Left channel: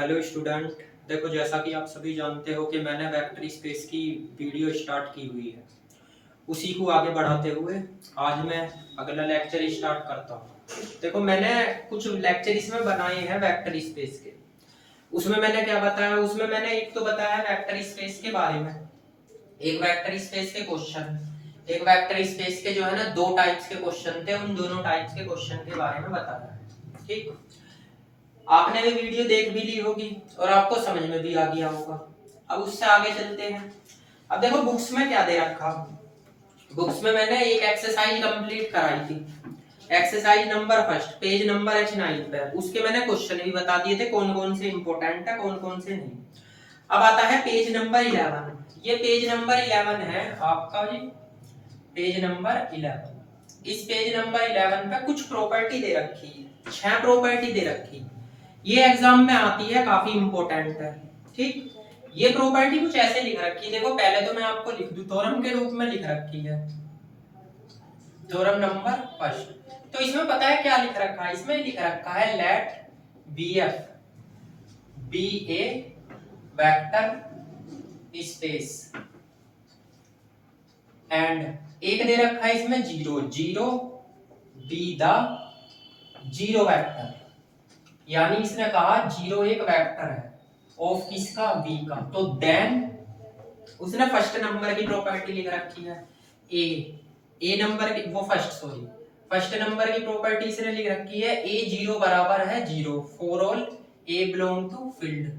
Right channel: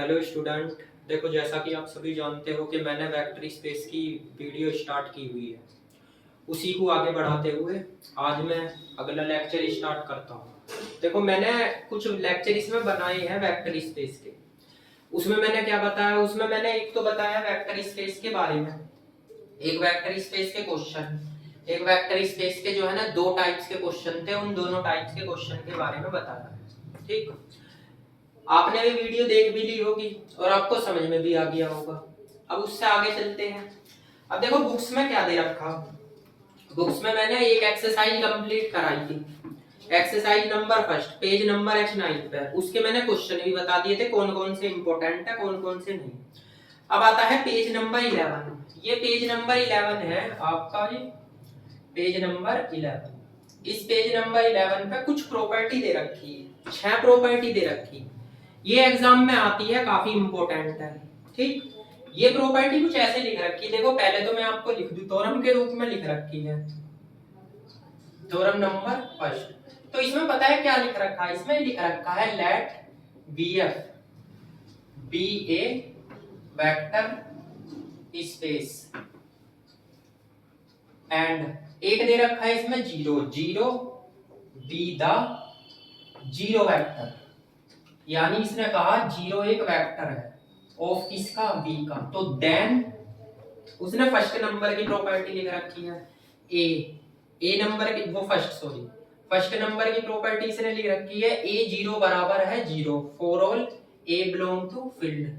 Hello student. देखो, जैसा कि आप सभी जानते हो कि मैंने वेक्टर स्पेस की वीडियो स्टार्ट की हुई है। उसी को आगे बढ़ाते हुए आज मैं अगला लेक्चर स्टार्ट करता हूँ। देखो, मैंने कुछ लेक्चर इसमें बनाए हैं वेक्टर स्पेस के। उसमें मैंने क्या बताया, उसमें मैंने एक तो बताया वेक्टर स्पेस के बारे में, एक वेक्टर स्पेस के क्वेश्चन, एक वेक्टर स्पेस के जो है ना दो टाइप्स के क्वेश्चन थे, उन दोनों टाइप्स के क्वेश्चन के बारे में बताया है। ठीक, आपने भी वीडियो देख भी ली होगी और आपको समझ में भी आ गया होगा। अब उससे आगे चलते हैं। अब देखो, बुक्स में क्या दे रखा। बुक्स में मैंने एक एक्सरसाइज कंप्लीट कराई थी, exercise number first, page number H9 पे। उसके मैंने क्वेश्चन भी बता दिए थे कौन कौन से इंपॉर्टेंट है, कौन कौन से नहीं। अब आता है पेज नंबर 11। ये पेज नंबर 11 है आपका जी, पेज नंबर 11। इस पेज नंबर 11 पे कुछ प्रॉपर्टी दे रखी है, 6 प्रॉपर्टी दे रखी है। ये एग्जाम में आती है, काफी इंपॉर्टेंट है। ठीक, ये प्रॉपर्टी कुछ ऐसे लिख रखी है। देखो, पहले तो मैं आपको लिख दूं, थ्योरम के रूप में लिख रखी है, थ्योरम नंबर फर्स्ट। तो इसमें पता है क्या लिख रखा है, इसमें लिख रखा है let BF be a vector space and एक दे रखा है इसमें zero, zero be the zero vector. यानी इसने कहा जीरो एक वेक्टर है ऑफ किसका, v का। तो देन उसने फर्स्ट नंबर की प्रॉपर्टी लिख रखी है, ए नंबर की, वो फर्स्ट नंबर की प्रॉपर्टी इसने लिख रखी है ए जीरो बराबर है zero for all a belong to field.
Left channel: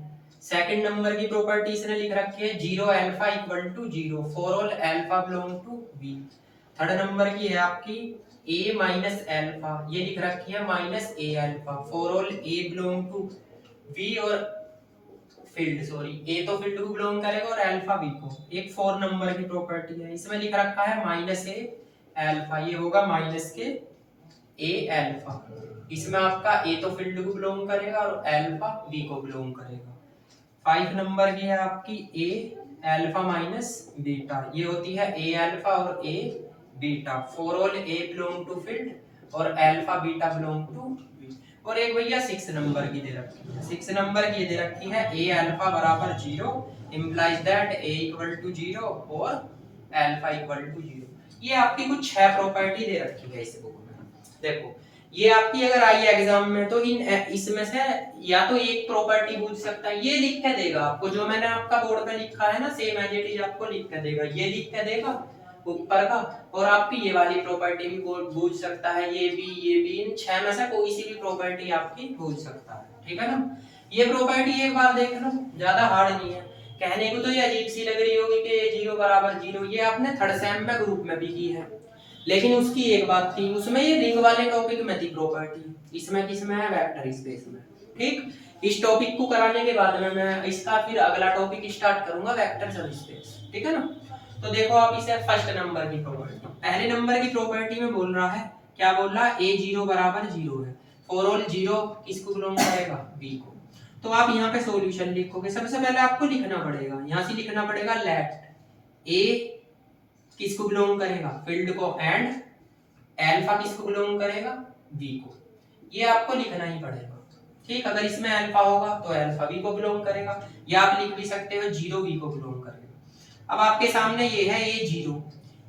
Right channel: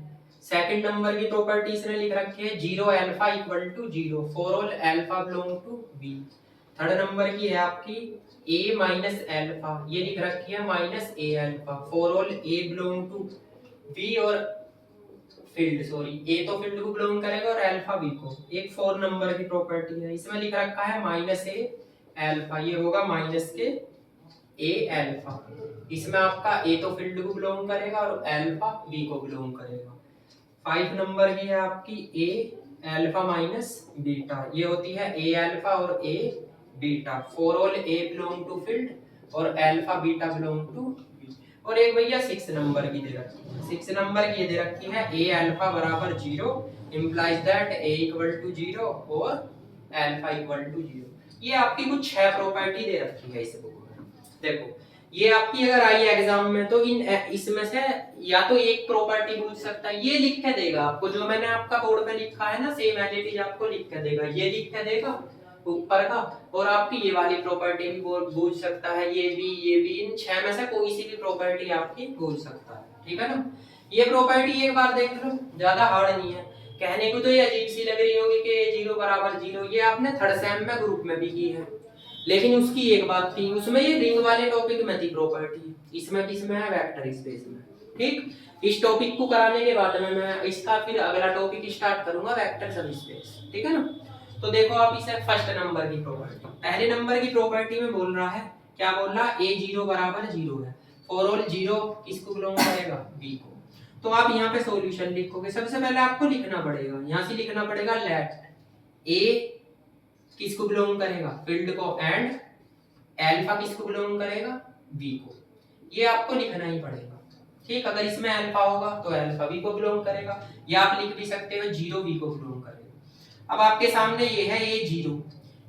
Second number की प्रॉपर्टी इसने लिख रखी है zero alpha equal to zero for all alpha belong to v। Third number की है आपकी a माइनस अल्फा, ये लिख रखी है minus a alpha for all a belong to v और फील्ड, a तो फील्ड को बिलोंग करेगा और अल्फा v को। एक 4 नंबर की प्रॉपर्टी है, इसमें लिख रखा है माइनस a अल्फा, ये होगा माइनस के a अल्फा। इसमें आपका a तो फील्ड को बिलोंग करेगा और अल्फा v को बिलोंग करेगा। 5 नंबर की है आपकी a अल्फा माइनस बीटा, ये होती है a अल्फा और a beta for all a belong to field और alpha beta belong to v। और एक भैया 6 नंबर की दे रखी है, 6 नंबर की दे रखी है a अल्फा बराबर 0 implies that a equal to 0 और अल्फा इक्वल टू 0। ये आपकी कुछ 6 प्रॉपर्टी दे रखी है इस बुक में। देखो, ये आपकी अगर आई एग्जाम में तो इन इसमें से या तो एक प्रॉपर्टी पूछ सकता है, ये लिख के देगा आपको, जो मैंने आपका बोर्ड पे लिखा है ना सेम एज इट इज आपको लिख के देगा, ये लिख के देगा ऊपर का। और आपकी ये वाली प्रॉपर्टी भी पूछ सकता है, ये भी इन 6 में से कोई सी भी प्रॉपर्टी आपकी पूछ सकता है। ठीक है ना, ये प्रॉपर्टी एक बार देख लो, ज्यादा हार्ड नहीं है। कहने को तो ये अजीब सी लग रही होगी कि जीरो बराबर जीरो, ये आपने थर्ड सेम में ग्रुप में भी की है, लेकिन उसकी एक बात थी, उसमें ये रिंग वाले टॉपिक में थी प्रॉपर्टी, इसमें किसमें है, वेक्टर स्पेस में। ठीक, इस टॉपिक को कराने के बाद में मैं इसका फिर अगला टॉपिक स्टार्ट करूंगा, वेक्टर सब स्पेस। ठीक है ना। तो देखो, आप इसे फर्स्ट नंबर की प्रॉपर्टी, पहले नंबर की प्रॉपर्टी में बोल रहा है, क्या बोल रहा है, ए जीरो बराबर जीरो है फॉर ऑल जीरो किसको बिलोंग करेगा, बी को। तो आप यहाँ पे सॉल्यूशन लिखोगे, सबसे पहले आपको लिखना पड़ेगा, यहाँ से लिखना पड़ेगा लेट ए किसको बिलोंग करेगा, फील्ड को, एंड अल्फा किसको बिलोंग करेगा, v को। ये आपको लिखना ही पड़ेगा। ठीक, अगर इसमें अल्फा होगा तो अल्फा v को बिलोंग करेगा, या आप लिख भी सकते हो जीरो v को बिलोंग करेगा। अब आपके सामने ये है ये जीरो।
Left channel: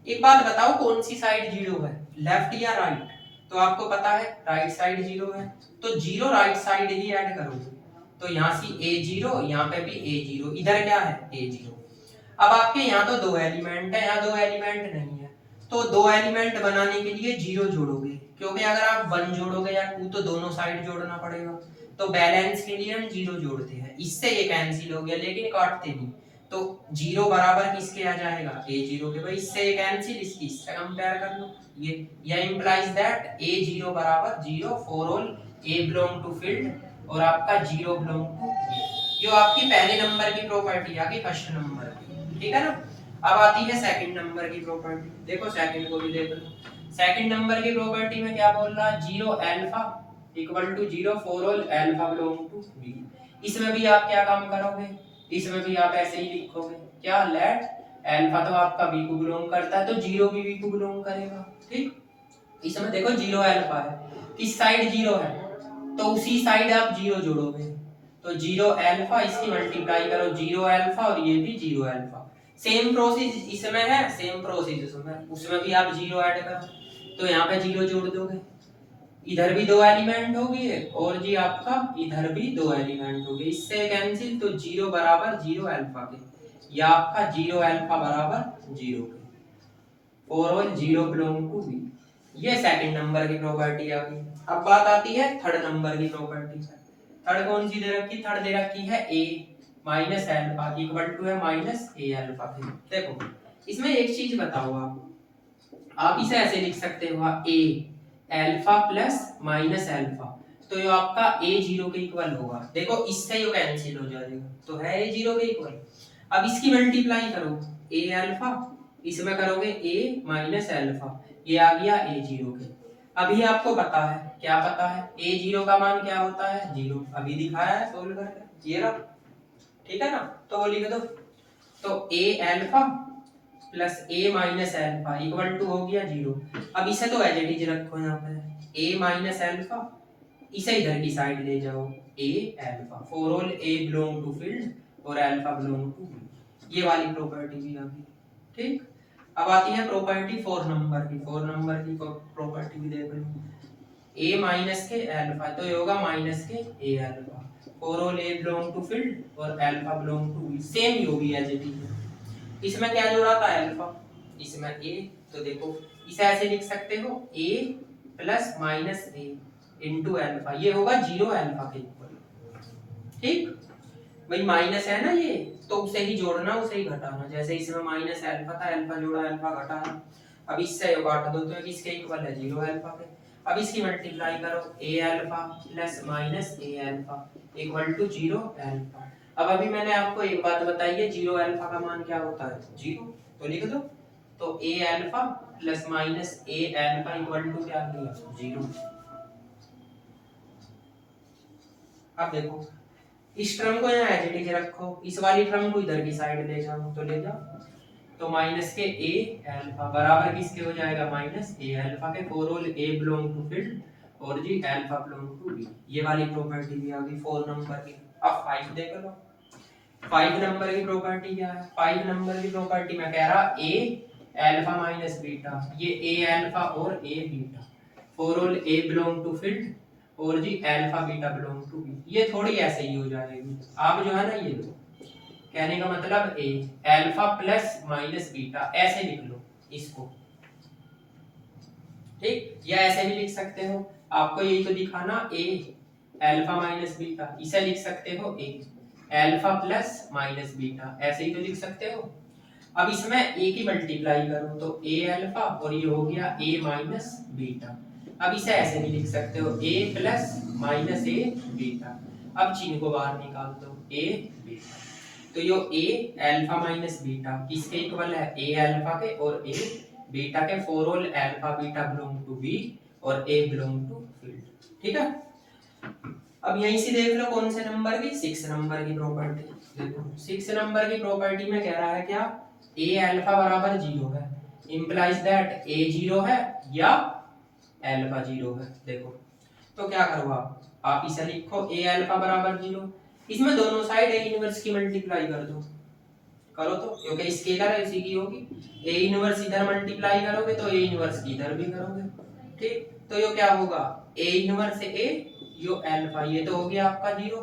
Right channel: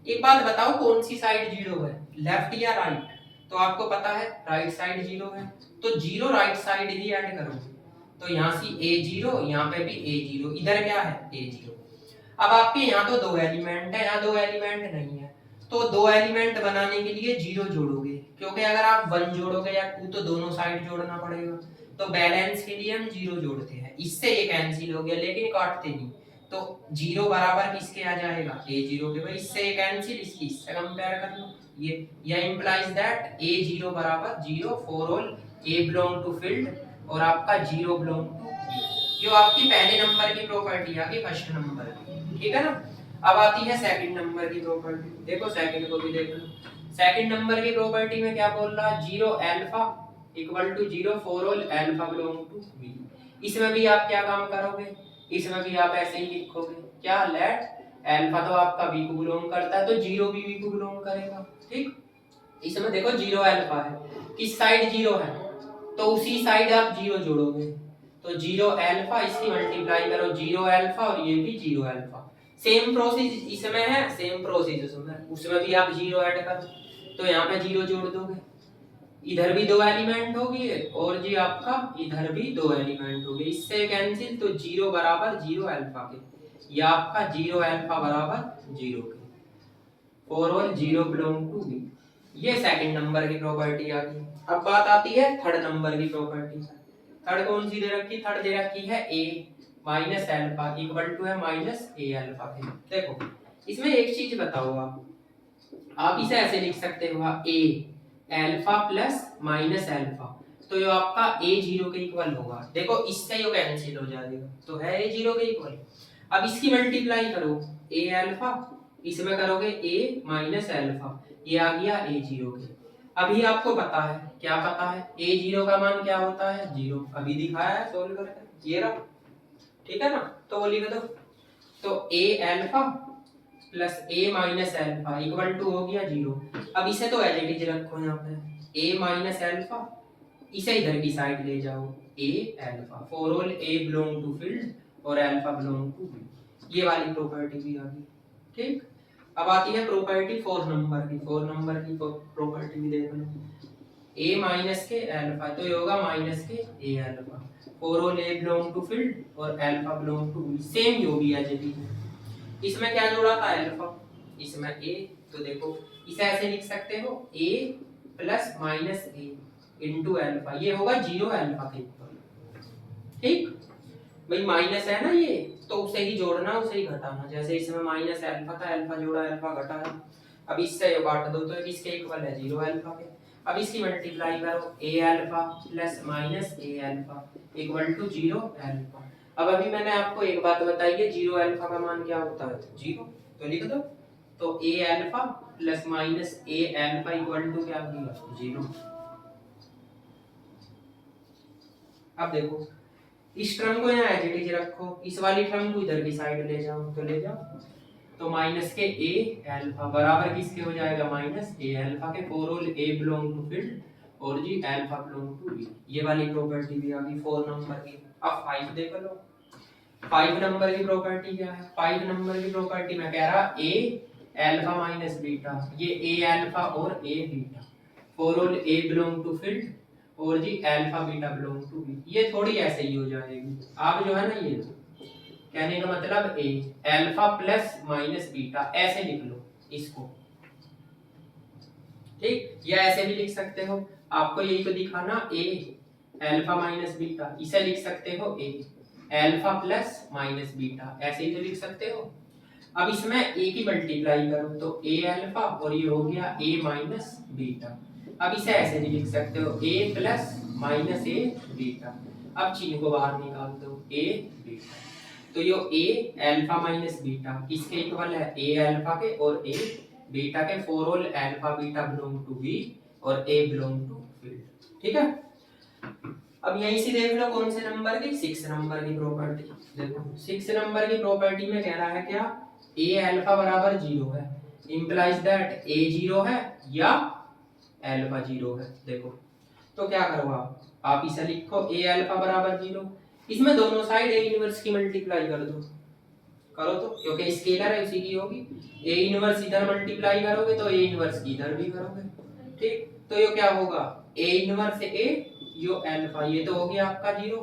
एक बात बताओ, कौन सी साइड जीरो है, लेफ्ट या राइट। तो आपको पता है राइट साइड जीरो है, तो जीरो राइट साइड ही ऐड करोगे। तो यहाँ से a जीरो, यहाँ पे भी a जीरो, इधर क्या है a जीरो। अब आपके यहाँ तो दो एलिमेंट है, यहाँ दो एलिमेंट नहीं है, तो दो एलिमेंट बनाने के लिए जीरो जोड़ोगे, क्योंकि अगर आप वन जोड़ोगे या टू तो दोनों साइड जोड़ना पड़ेगा। तो बैलेंस के लिए हम जीरो जोड़ते हैं, इससे ये कैंसिल हो गया, लेकिन काटते नहीं। तो जीरो बराबर किसके आ जाएगा, ए जीरो के। भाई इससे ये कैंसिल, इसकी इससे कंपेयर कर लो, ये इंप्लाइज दैट ए जीरो बराबर जीरो for all a belong to field और आपका जीरो बिलोंग टू बी। ये आपकी पहले नंबर की प्रॉपर्टी आ गई, फर्स्ट नंबर की। ठीक है ना। अब आती है सेकंड नंबर की प्रॉपर्टी, देखो सेकंड को भी देख लो। सेकंड नंबर की प्रॉपर्टी में क्या बोल रहा है, zero alpha equal to zero for all alpha belong to B. इसमें भी आप क्या काम करोगे, इसमें भी आप ऐसे ही लिखोगे, क्या लेट अल्फा तो आपका बी को बिलोंग करता है, तो जीरो भी बी को बिलोंग करेगा। ठीक, इसमें देखो जीरो अल्फा है, किस साइड जीरो है, तो उसी साइड आप जीरो जोड़ोगे। तो 0 अल्फा, इसकी मल्टीप्लाई करो 0 अल्फा और ये भी 0 अल्फा। सेम प्रोसेस इसमें है, सेम प्रोसेस उसमें भी आप 0 ऐड करो, तो यहाँ पे 0 जोड़ दोगे, इधर भी 2 एलिमेंट हो गए और जी आपका इधर भी 2 एलिमेंट हो गए, इससे कैंसिल, तो 0 बराबर 0 अल्फा के, या आपका 0 अल्फा बराबर 0 के, for all 0 belong to B. ये सेकंड नंबर की प्रॉपर्टी आ गई। अब बात आती है थर्ड नंबर की प्रॉपर्टी। थर्ड कौन सी दे रखी? थर्ड दे रखी है a minus alpha equal to है माइनस a अल्फा के। देखो इसमें एक चीज बताओ, आप इसे ऐसे लिख सकते हो a alpha plus minus alpha, तो ये आपका a 0 के इक्वल होगा। देखो इससे ये कैंसिल हो जाएगा, तो है a 0 के इक्वल। अब इसकी मल्टीप्लाई करो a अल्फा, इसमें करोगे a माइनस अल्फा, ये आ गया a 0 के। अभी आपको पता है, क्या पता है? a 0 का मान क्या होता है? 0। अभी दिखाया है सोल्व करके, ये रहा, ठीक है ना? तो वो लिख दो, तो a alpha plus a minus alpha equal to हो गया 0। अब इसे तो एज इट इज रखो यहाँ पे, a माइनस अल्फा, इसे इधर की साइड ले जाओ a alpha, for all a belong to field और अल्फा बिलोंग टू बी। ये वाली प्रॉपर्टी भी आ गई, ठीक। अब आती है प्रॉपर्टी 4 नंबर की। 4 नंबर की प्रॉपर्टी भी देख लो, a माइनस के अल्फा, तो ये होगा माइनस के a alpha, for all a belong to field और alpha belong to B. Same यो भी एज इट इज। इसमें क्या जोड़ा था? अल्फा, इसमें a, तो देखो इसे ऐसे लिख सकते हो a plus minus a into alpha, ये होगा 0 अल्फा के इक्वल, ठीक। भाई माइनस है ना ये, तो उसे ही जोड़ना, उसे ही घटाना। जैसे इसमें माइनस अल्फा था, अल्फा जोड़ा, अल्फा घटाया। अब इससे ये काट दो तो इसके इक्वल है 0 अल्फा के। अब इसकी मल्टीप्लाई करो a alpha plus minus a alpha equal to 0 alpha. अब अभी मैंने आपको एक बात बताई है, 0 अल्फा का मान क्या होता है? 0। तो लिख दो, तो a alpha plus minus a alpha equal to क्या आ गया? 0। अब देखो इस टर्म को यहाँ एज इट इज रखो, इस वाली टर्म को इधर की साइड ले जाओ, तो ले जाओ, तो माइनस के a अल्फा बराबर किसके हो जाएगा? माइनस a अल्फा के, for all a belong to field और जी अल्फा बिलोंग टू b। ये वाली प्रॉपर्टी भी आ गई 4 नंबर की। अब 5 देख लो, 5 नंबर की प्रॉपर्टी क्या है? 5 नंबर की प्रॉपर्टी में कह रहा a अल्फा माइनस बीटा, ये a अल्फा और a beta, for all a belong to field और जी alpha beta belong to B. ये थोड़ी ऐसे ही हो जाएगी। आप जो है ना, ये लो, कहने का मतलब a alpha plus minus beta, ऐसे लिख लो इसको, ठीक। या ऐसे भी लिख सकते हो, आपको यही तो दिखाना, a अल्फा माइनस बीटा, इसे लिख सकते हो a alpha plus minus beta, ऐसे ही तो लिख सकते हो। अब इसमें a की मल्टीप्लाई करो, तो a अल्फा और ये हो गया a माइनस बीटा। अब इसे ऐसे भी लिख सकते हो a plus minus a beta. अब चिन्ह को बाहर निकाल दो, a बीटा, तो यो a अल्फा माइनस बीटा किसके इक्वल है? a अल्फा के और a बीटा के, for all alpha beta belong to b और a बिलोंग टू फील्ड, ठीक है। अब यहीं से देख लो कौन से नंबर की? 6 नंबर की प्रॉपर्टी। देखो 6 नंबर की प्रॉपर्टी में कह रहा है क्या? a अल्फा बराबर 0 है, इंप्लाइज दैट a 0 है या अल्फा 0 है। देखो तो क्या करो आप इसे लिखो a अल्फा बराबर 0, इसमें दोनों साइड a इनवर्स की मल्टीप्लाई कर दो, करो तो, क्योंकि स्केलर है उसी की होगी। a इनवर्स इधर मल्टीप्लाई करोगे तो a इनवर्स इधर भी करोगे, ठीक। तो ये क्या होगा? a inverse a yo alpha, ये तो हो गया आपका 0,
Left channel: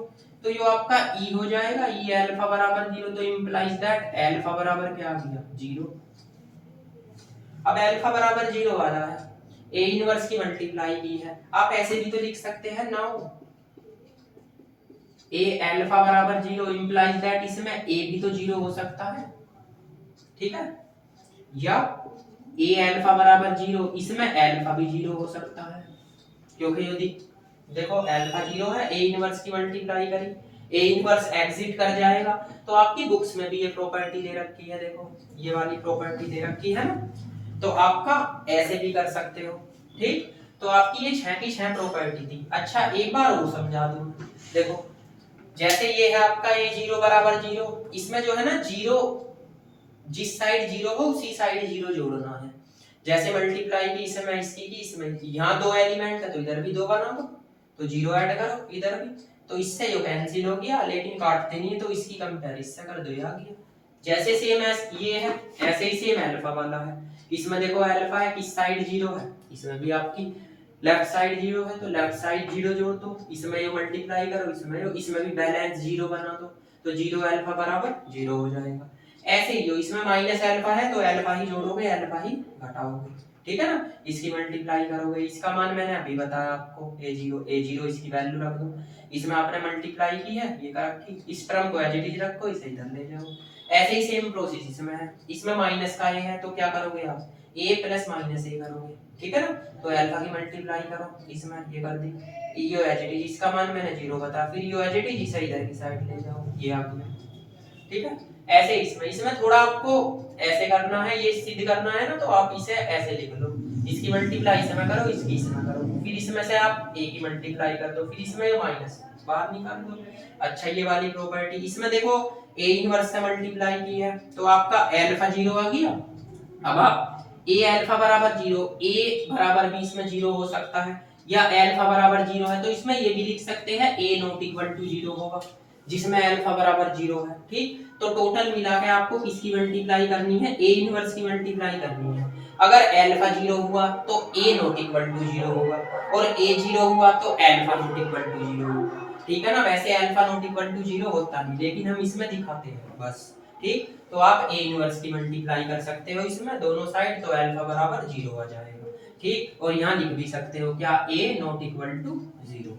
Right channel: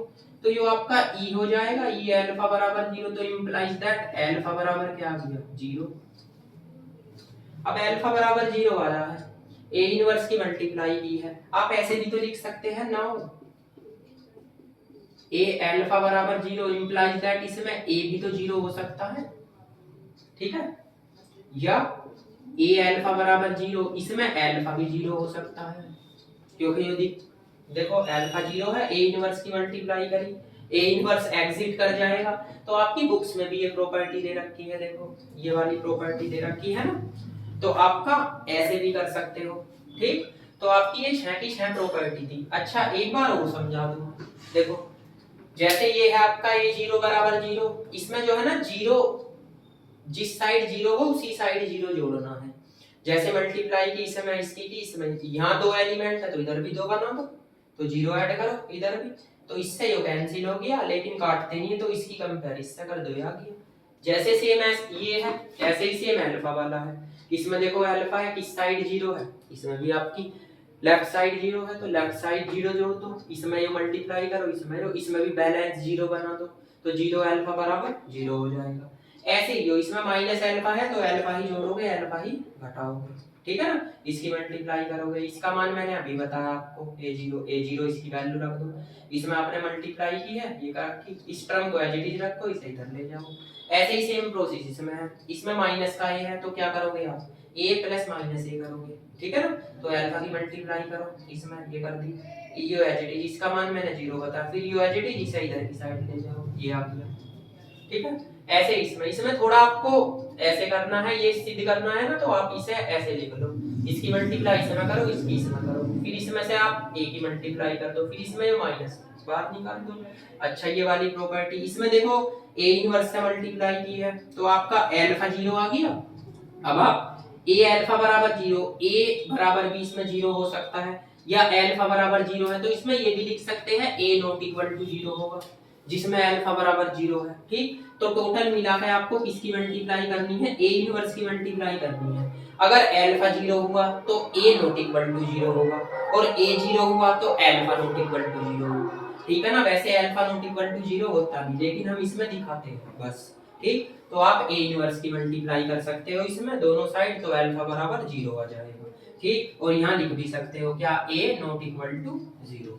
तो यो आपका e हो जाएगा, e अल्फा बराबर 0, तो इंप्लाइज दैट अल्फा बराबर क्या आ गया? 0। अब अल्फा बराबर 0 वाला है, a इनवर्स की मल्टीप्लाई की है, आप ऐसे भी तो लिख सकते हैं नाउ a अल्फा बराबर 0 इंप्लाइज दैट इसमें a भी तो 0 हो सकता है, ठीक है। या a अल्फा बराबर 0 इसमें अल्फा भी 0 हो सकता है, क्योंकि यदि देखो अल्फा 0 है, a इनवर्स की मल्टीप्लाई करी, a इनवर्स एग्जिट कर जाएगा। तो आपकी बुक्स में भी ये प्रॉपर्टी दे रखी है, देखो ये वाली प्रॉपर्टी दे रखी है ना, तो आपका ऐसे भी कर सकते हो, ठीक। तो आपकी ये 6 की 6 प्रॉपर्टी थी। अच्छा एक बार और समझा दूं, देखो जैसे ये है आपका a 0 बराबर 0, इसमें जो है ना 0, जिस साइड 0 हो उसी साइड 0 जोड़ना है। जैसे मल्टीप्लाई की इसमें इसकी की इसमें, यहाँ 2 एलिमेंट है तो इधर भी 2 बना दो, तो 0 ऐड करो इधर भी, तो इससे ये कैंसिल हो गया, लेकिन काटते नहीं है तो इसकी कंपैरिजन कर दो, आ गया। जैसे सेम एस ये है ऐसे ही सेम अल्फा वाला है। इसमें देखो अल्फा है, किस साइड 0 है, इसमें भी आपकी लेफ्ट साइड 0 है, तो लेफ्ट साइड 0 जोड़ दो, इसमें ये मल्टीप्लाई करो, इसमें भी बैलेंस 0 बना दो, तो 0 अल्फा बराबर 0 हो जाएगा। ऐसे ही जो इसमें माइनस अल्फा है तो अल्फा ही जोड़ोगे, अल्फा ही घटाओगे, ठीक है ना। इसकी मल्टीप्लाई करोगे, इसका मान मैंने अभी बताया आपको, a0 इसकी वैल्यू रख दो, इसमें आपने मल्टीप्लाई की है, ये कर रखी, इस टर्म को एज इट इज रखो, इसे इधर ले जाओ। ऐसे ही सेम प्रोसेस इसमें है, इसमें माइनस का a है तो क्या करोगे आप, a प्लस माइनस a करोगे, ठीक है ना। तो अल्फा की मल्टीप्लाई करो, इसमें ये कर दी, यो एज इट इज, इसका मान मैंने 0 बताया, फिर यो एज इट इज इसे इधर की साइड ले जाओ, ये आ गया, ठीक है। ऐसे इसमें थोड़ा आपको ऐसे करना है, ये सिद्ध करना है ना, तो आप इसे ऐसे लिख लो, इसकी मल्टीप्लाई इसमें करो, इसकी इसमें करो, फिर इसमें से आप a की मल्टीप्लाई कर दो, फिर इसमें माइनस बाहर निकाल दो। अच्छा ये वाली प्रॉपर्टी, इसमें देखो a इनवर्स से मल्टीप्लाई की है तो आपका अल्फा 0 आ गया। अब आप a अल्फा बराबर 0, a बराबर भी इसमें 0 हो सकता है, या अल्फा बराबर 0 है तो इसमें ये भी लिख सकते हैं a नॉट इक्वल टू 0 होगा, जिसमें अल्फा बराबर 0 है, ठीक। तो टोटल मिला के आपको किसकी मल्टीप्लाई करनी है, a इनवर्स की मल्टीप्लाई करनी है। अगर अल्फा 0 हुआ तो a नॉट इक्वल टू 0 होगा, और a 0 हुआ तो अल्फा नॉट इक्वल टू 0 होगा, ठीक है ना। वैसे अल्फा नॉट इक्वल टू 0 होता नहीं, लेकिन हम इसमें दिखाते हैं बस, ठीक। तो आप a इनवर्स की मल्टीप्लाई कर सकते हो इसमें दोनों साइड, तो अल्फा बराबर 0 आ जाएगा, ठीक। और यहाँ लिख भी सकते हो क्या, a नॉट इक्वल टू 0,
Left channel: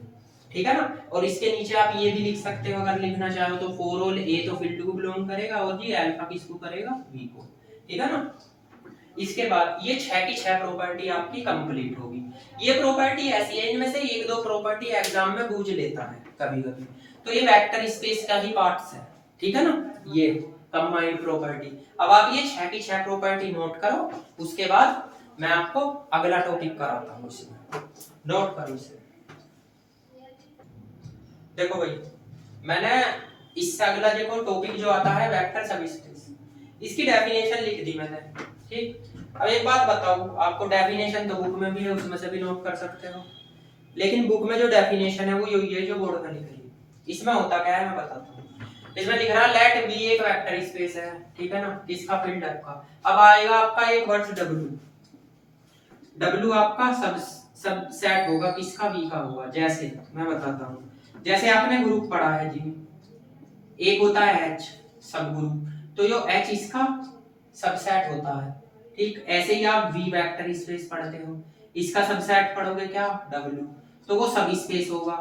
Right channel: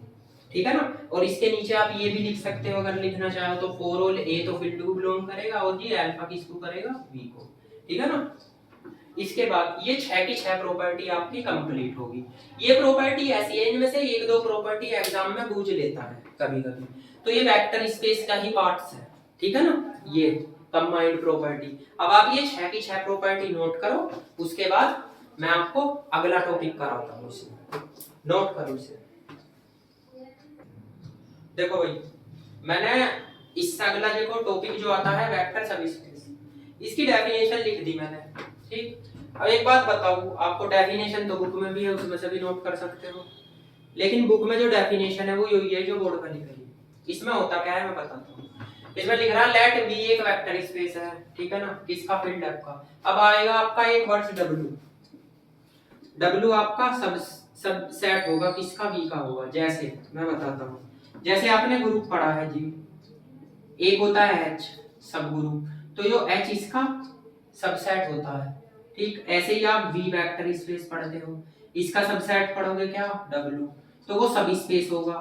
ठीक है ना। और इसके नीचे आप ये भी लिख सकते हो अगर लिखना चाहो तो, फॉर ऑल a तो फील्ड को बिलोंग करेगा, और ये अल्फा किसको करेगा, v को, ठीक है ना। इसके बाद ये 6 की 6 प्रॉपर्टी आपकी कंप्लीट होगी। ये प्रॉपर्टी ऐसी है, इनमें से एक दो प्रॉपर्टी एग्जाम में पूछ लेता है कभी-कभी, तो ये वेक्टर स्पेस का ही पार्ट्स है, ठीक है ना, ये कंबाइंड प्रॉपर्टी। अब आप ये 6 की 6 प्रॉपर्टी नोट करो, उसके बाद मैं आपको अगला टॉपिक कराता हूं, इसमें नोट करो इसे। देखो भाई मैंने इससे अगला देखो टॉपिक जो आता है वेक्टर सबस्पेस, इसकी डेफिनेशन लिख दी मैंने, ठीक। अब एक बात बताऊं आपको, डेफिनेशन तो बुक में भी है, उसमें से भी नोट कर सकते हो, लेकिन बुक में जो डेफिनेशन है वो यही है जो बोर्ड में लिखी है। इसमें होता क्या है मैं बताता हूं। इसमें लिख रहा है लेट बी एक वेक्टर स्पेस है, ठीक है ना, किसका, फील्ड आपका। अब आएगा आपका एक वर्ड W आपका सबसेट होगा किसका, V का होगा। जैसे मैं बताता हूं, जैसे आपने ग्रुप पढ़ा है जी, एक होता है H सब ग्रुप, तो जो H इसका सबसेट होता है, ठीक। ऐसे ही आप V वेक्टर स्पेस पढ़ते हो, इसका सबसेट पढ़ोगे क्या, W, तो वो सब स्पेस होगा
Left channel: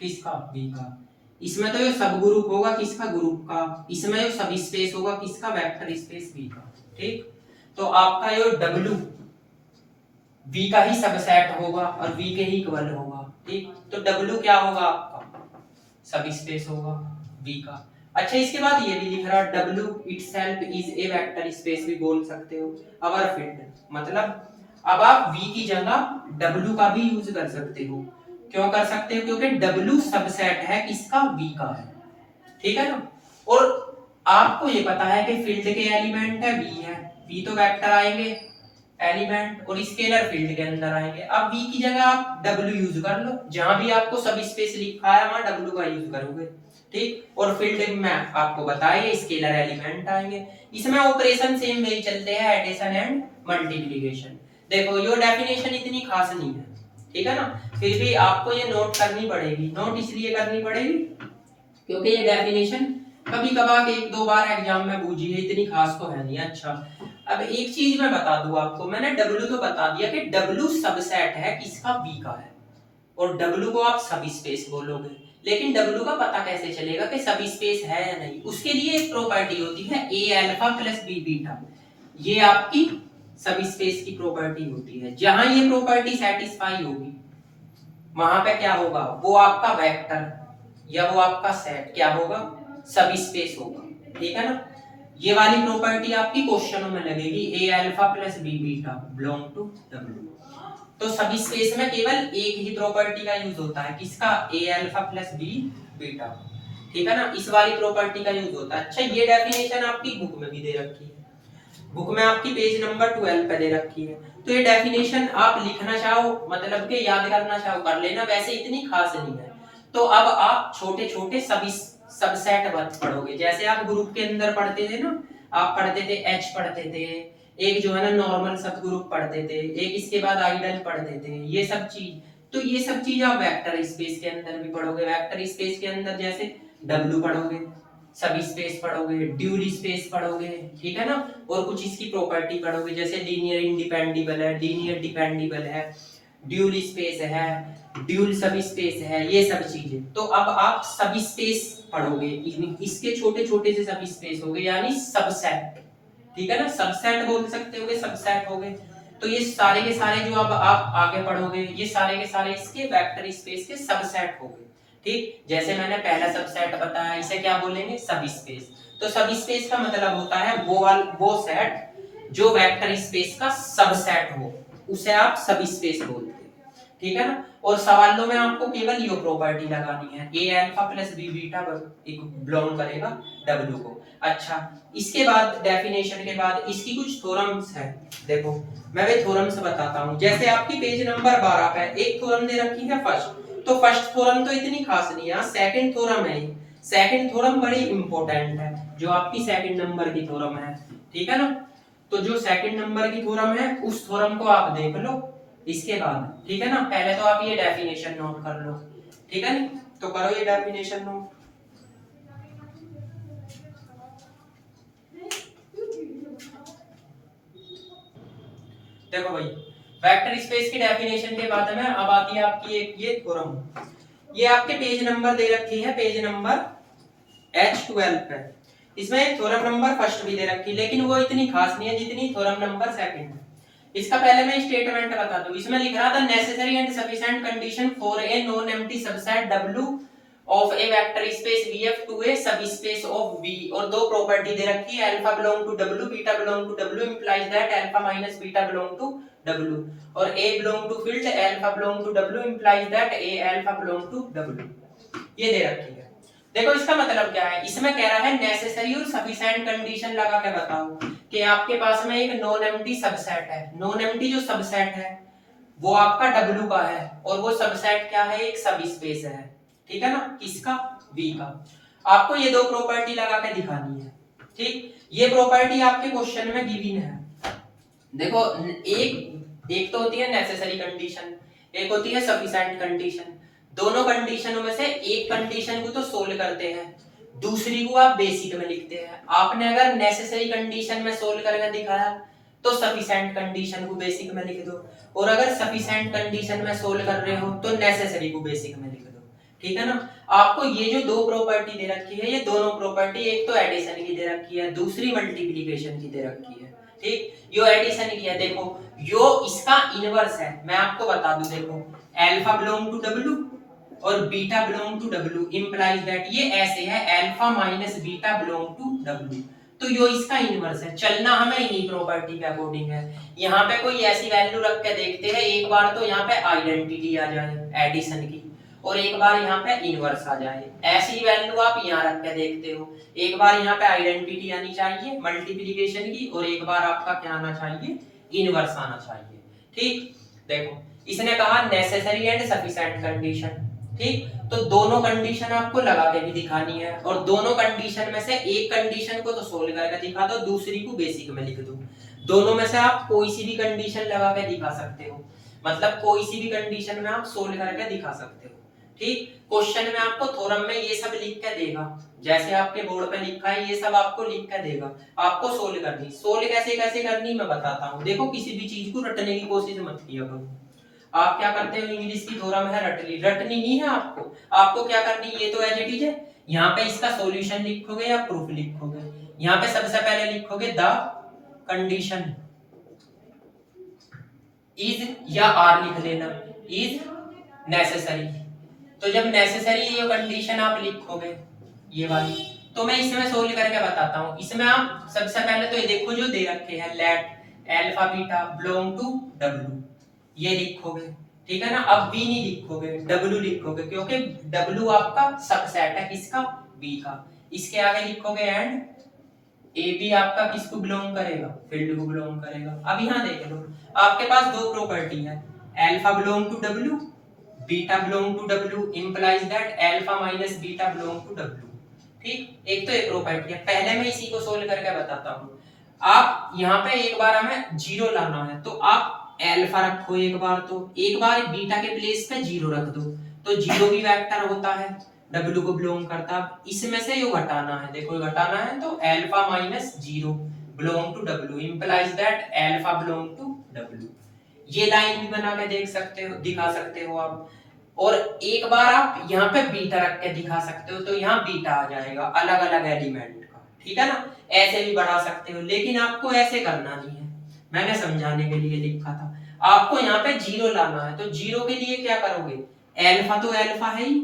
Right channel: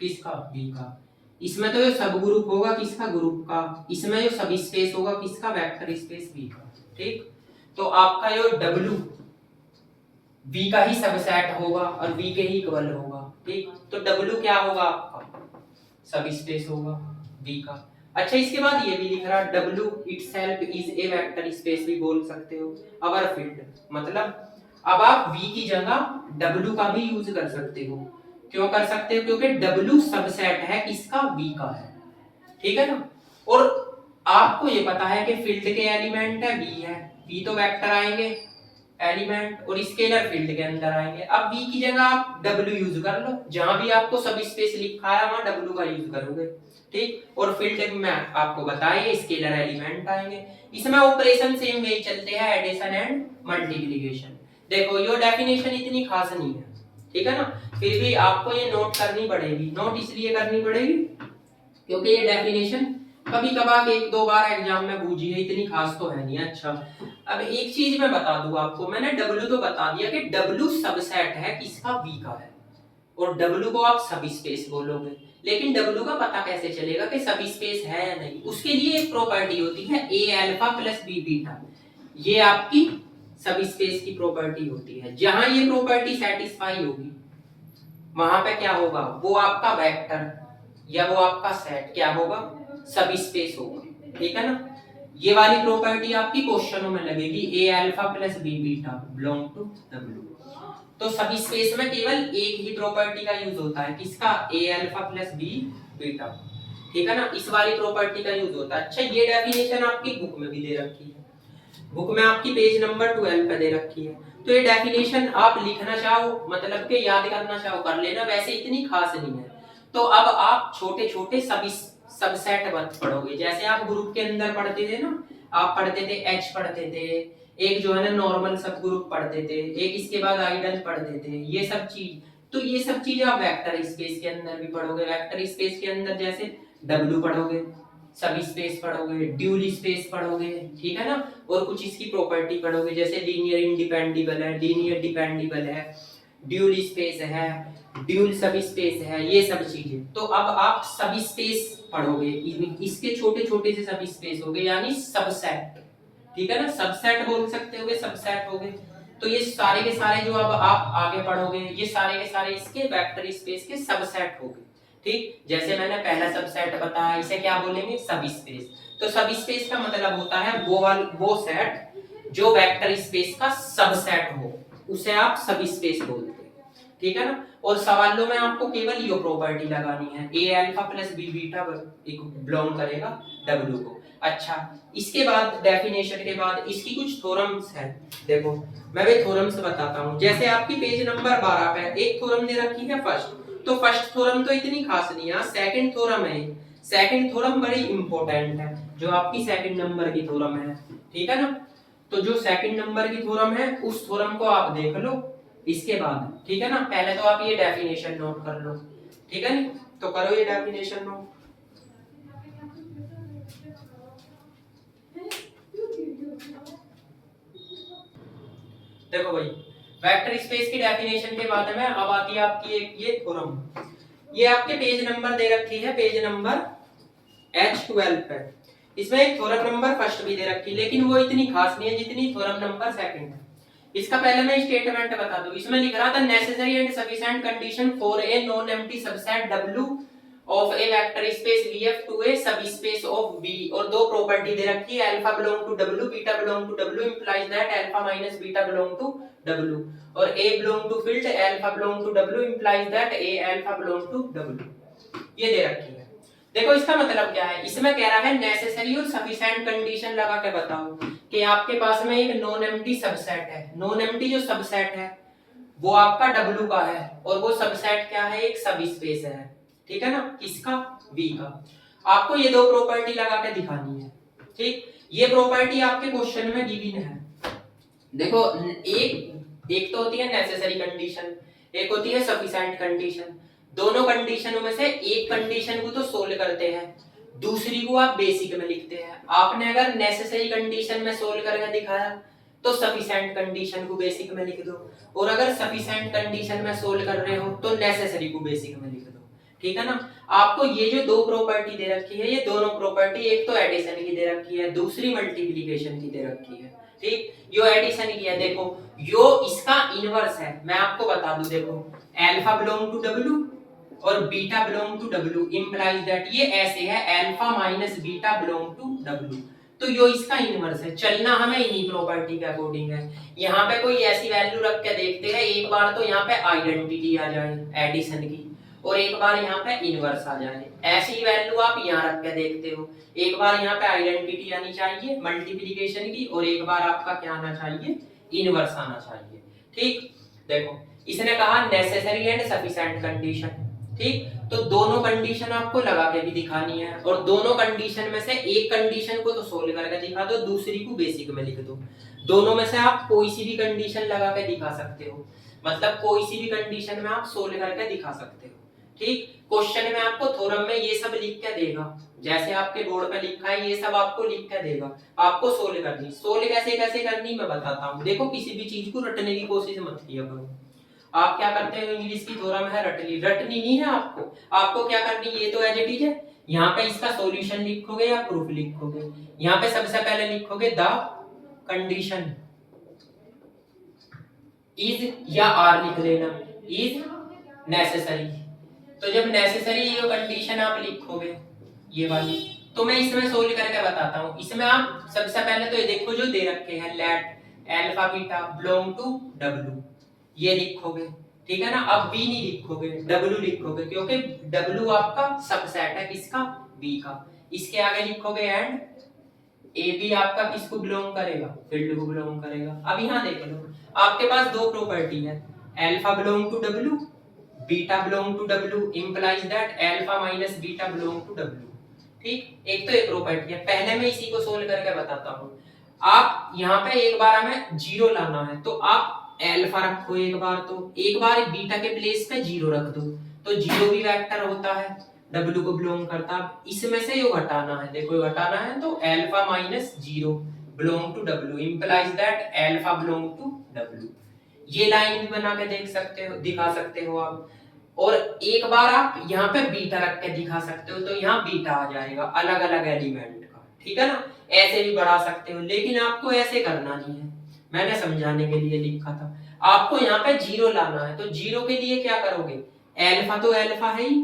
किसका, V का। इसमें तो ये सब ग्रुप होगा किसका, ग्रुप का, इसमें जो सब स्पेस होगा किसका, वेक्टर स्पेस V का, ठीक। तो आपका ये W V का ही सबसेट होगा और V के ही इक्वल होगा, ठीक। तो W क्या होगा आपका, सब स्पेस होगा V का। अच्छा इसके बाद ये भी लिख रहा है W itself is a vector space भी बोल सकते हो, अवर फील्ड, मतलब अब आप V की जगह W का भी यूज कर सकते हो। क्यों कर सकते हो, क्योंकि W सबसेट है किसका, V का है, ठीक है ना। और आपको ये पता है कि फील्ड के एलिमेंट है V है, V तो वेक्टर आएंगे एलिमेंट, और स्केलर फील्ड के अंदर आएंगे। अब V की जगह आप W यूज कर लो, जहां भी आपको सब स्पेस लिखा है वहां W का यूज करोगे, ठीक। और फील्ड में आपको बताइए स्केलर एलिमेंट आएंगे। इसमें ऑपरेशन सेम वे चलते हैं, एडिशन एंड मल्टीप्लिकेशन। देखो ये डेफिनेशन इतनी खास नहीं है, ठीक है ना, फिर भी आपको ये नोट करनी पड़ेगी। नोट इसलिए करनी पड़ेगी क्योंकि ये डेफिनेशन कभी कभार एक दो बार एग्जाम में पूछी है, इतनी खास तो है नहीं। अच्छा अब एक चीज मैं बता दूं आपको, मैंने W तो बता दिया कि W सबसेट है किसका, V का है, और W को आप सब स्पेस बोलोगे, लेकिन W का पता कैसे चलेगा कि सब स्पेस है या नहीं, उसके लिए एक प्रॉपर्टी होती है A alpha plus B beta, ये आपकी सब स्पेस की प्रॉपर्टी होती है। जहां ये प्रॉपर्टी सेटिस्फाई होगी वहां पे क्या होगा, वो आपका वेक्टर या वो आपका सेट क्या होगा, सब स्पेस होगा, ठीक है ना। ये वाली प्रॉपर्टी आपकी क्वेश्चनों में लगेगी, A alpha plus B beta belong to W। तो सब स्पेस में केवल एक ही प्रॉपर्टी का यूज होता है, किसका, A alpha plus B beta, ठीक है ना, इस वाली प्रॉपर्टी का यूज होता है। अच्छा ये डेफिनेशन आपकी बुक में भी दे रखी है, बुक में आपकी पेज नंबर 12 पे दे रखी है। तो ये डेफिनेशन आप लिखना चाहो मतलब कि याद करना चाहो कर लेना, वैसे इतनी खास नहीं है। तो अब आप छोटे छोटे सभी सबसेट पढ़ोगे। जैसे आप ग्रुप के अंदर पढ़ते थे ना, आप पढ़ते थे एच पढ़ते थे, एक जो है ना नॉर्मल सब ग्रुप पढ़ते थे, एक इसके बाद आइडल पढ़ते थे, ये सब चीज। तो ये सब चीज आप वेक्टर स्पेस के अंदर भी पढ़ोगे। वेक्टर स्पेस के अंदर जैसे डब्ल्यू पढ़ोगे, सभी स्पेस पढ़ोगे, ड्यूल स्पेस पढ़ोगे, ठीक है ना। और कुछ इसकी प्रॉपर्टी पढ़ोगे, जैसे लीनियर इंडिपेंडेबल है, लीनियर डिपेंडेबल है, ड्यूल स्पेस है, ड्यूल सभी स्पेस है, ये सब चीजें। तो अब आप सभी स्पेस पढ़ोगे, इसके छोटे छोटे से सभी स्पेस हो गए, यानी सबसेट, ठीक है ना। सबसेट बोल सकते होगे, सबसेट हो गए। तो ये सारे के सारे जो अब आप आगे पढ़ोगे, ये सारे के सारे इसके वेक्टर स्पेस के सबसेट हो गए, ठीक। जैसे मैंने पहला सबसेट बताया, इसे क्या बोलेंगे, सब स्पेस। तो सब स्पेस का मतलब होता है वो सेट जो वेक्टर स्पेस का सबसेट हो, उसे आप सब स्पेस बोलते हैं, ठीक है ना। और सवालों में आपको केवल ये प्रॉपर्टी लगानी है, a alpha plus b beta belong करेगा डब्ल्यू को। अच्छा, इसके बाद डेफिनेशन के बाद इसकी कुछ थ्योरम्स है। देखो मैं भी थ्योरम्स बताता हूँ। जैसे आपकी पेज नंबर 12 पे एक थ्योरम दे रखी है फर्स्ट, तो फर्स्ट थ्योरम तो इतनी खास नहीं है, सेकंड थ्योरम है। सेकंड थ्योरम बड़ी इंपॉर्टेंट है, जो आपकी सेकंड नंबर की थ्योरम है, ठीक है ना। तो जो सेकंड नंबर की थ्योरम है, उस थ्योरम को आप देख लो इसके बाद, ठीक है ना। पहले तो आप ये डेफिनेशन नोट कर लो, ठीक है ना। तो करो ये डेफिनेशन नोट। देखो भाई, वेक्टर स्पेस की डेफिनेशन के बाद में अब आती है आपकी एक ये थ्योरम। ये आपके पेज नंबर दे रखी है, पेज नंबर H12 पे। इसमें एक थ्योरम नंबर फर्स्ट भी दे रखी, लेकिन वो इतनी खास नहीं है जितनी थ्योरम नंबर सेकंड है। इसका पहले मैं स्टेटमेंट बता दूं। इसमें लिख रहा था necessary and sufficient condition for a non empty subset W of a vector space VF to a subspace of V, और दो प्रॉपर्टी दे रखी है, alpha belong to W, beta belong to W implies that alpha minus beta belong to W, और A belong to field alpha belong to W implies that A alpha belong to W, ये दे रखी है। देखो इसका मतलब क्या है, इसमें कह रहा है नेसेसरी और सफिशिएंट कंडीशन लगा के बताओ कि आपके पास में एक नॉन एम्प्टी सबसेट है। नॉन एम्प्टी जो सबसेट है वो आपका W का है, और वो सबसेट क्या है, एक सब स्पेस है, ठीक है ना, किसका, V का। आपको ये दो प्रॉपर्टी लगा के दिखानी है, ठीक। ये प्रॉपर्टी आपके क्वेश्चन में गिवन है। देखो एक तो होती है नेसेसरी कंडीशन, एक होती है सफिशिएंट कंडीशन। दोनों कंडीशनों में से एक कंडीशन को तो सोल्व करते हैं, दूसरी को आप बेसिक में लिखते हैं। आपने अगर नेसेसरी कंडीशन में सोल्व करके दिखाया तो सफिशिएंट कंडीशन को बेसिक में लिख दो, और अगर सफिशिएंट कंडीशन में सोल्व कर रहे हो तो नेसेसरी को बेसिक में लिख दो, ठीक है ना। आपको ये जो दो प्रॉपर्टी दे रखी है, ये दोनों प्रॉपर्टी एक तो एडिशन की दे रखी है, दूसरी मल्टीप्लिकेशन की दे रखी है, ठीक। यो एडिशन की है, देखो यो इसका इनवर्स है, मैं आपको बता दूं। देखो अल्फा बिलोंग टू W और beta belong to W implies that ये ऐसे है, alpha minus beta belong to W, तो यो इसका इनवर्स है। चलना हमें इन्हीं प्रॉपर्टी के अकॉर्डिंग है। यहाँ पे कोई ऐसी वैल्यू रख के देखते हैं, एक बार तो यहाँ पे आइडेंटिटी आ जाए एडिशन की, और एक बार यहाँ पे इनवर्स आ जाए। ऐसी वैल्यू आप यहाँ रख के देखते हो, एक बार यहाँ पे आइडेंटिटी आनी चाहिए मल्टीप्लिकेशन की, और एक बार आपका क्या आना चाहिए, इनवर्स आना चाहिए, ठीक। देखो इसने कहा नेसेसरी एंड सफिशिएंट कंडीशन, ठीक। तो दोनों कंडीशन आपको लगा के भी दिखानी है, और दोनों कंडीशन में से एक कंडीशन को तो सोल्व करके दिखा दो, दूसरी को बेसिक में लिख दो। दोनों में से आप कोई सी भी कंडीशन लगा के दिखा सकते हो, मतलब कोई सी भी कंडीशन में आप सोल्व करके दिखा सकते हो, ठीक। क्वेश्चन में आपको थ्योरम में ये सब लिख के देगा, जैसे आपके बोर्ड पे लिखा है ये सब आपको लिख के देगा, आपको सोल्व करनी। सोल्व कैसे कैसे करनी मैं बताता हूँ। देखो किसी भी चीज को रटने की कोशिश मत किया करो। आप क्या करते हो, इंग्लिश की थ्योरम है रटनी, रटनी नहीं है आपको। आपको क्या करनी, ये तो एज इट इज है, यहाँ पे इसका सॉल्यूशन लिखोगे या प्रूफ लिखोगे। यहाँ पे सबसे पहले लिखोगे द कंडीशन इज, या आर लिख लेना, इज नेसेसरी। तो जब नेसेसरी ये कंडीशन आप लिखोगे ये वाली, तो मैं इसमें सोल्व करके बताता हूँ। इसमें आप सबसे पहले तो ये देखो जो दे रखे हैं, let alpha beta belong to W, ये लिखोगे, ठीक है ना। अब V नहीं लिखोगे, W लिखोगे, क्योंकि W आपका सबसेट है, किसका, B का। इसके आगे लिखोगे एंड AB आपका किसको बिलोंग करेगा, फील्ड को बिलोंग करेगा। अब यहाँ देख लो, आपके पास दो प्रॉपर्टी है, alpha belong to W, beta belong to W implies that alpha minus beta belong to W. ठीक, एक तो एक प्रॉपर्टी है। पहले मैं इसी को सोल्व करके बताता हूँ। आप यहाँ पे एक बार हमें जीरो लाना है, तो आप अल्फा रखो एक बार, तो एक बार बीटा के प्लेस पे जीरो रख दो, तो जीरो भी वेक्टर होता है, डब्ल्यू को बिलोंग करता है। इसमें से यो घटाना है, देखो ये घटाना है, तो alpha minus zero belong to W implies that alpha belong to W. ये लाइन भी बना के देख सकते हो, दिखा सकते हो आप। और एक बार आप यहाँ पे बीटा रख के दिखा सकते हो, तो यहाँ बीटा आ जाएगा अलग अलग एलिमेंट का, ठीक है ना। ऐसे भी बढ़ा सकते हो, लेकिन आपको ऐसे करना नहीं है, मैंने समझाने के लिए लिखा था। आपको यहाँ पे जीरो लाना है, तो जीरो के लिए क्या करोगे, अल्फा तो अल्फा है ही,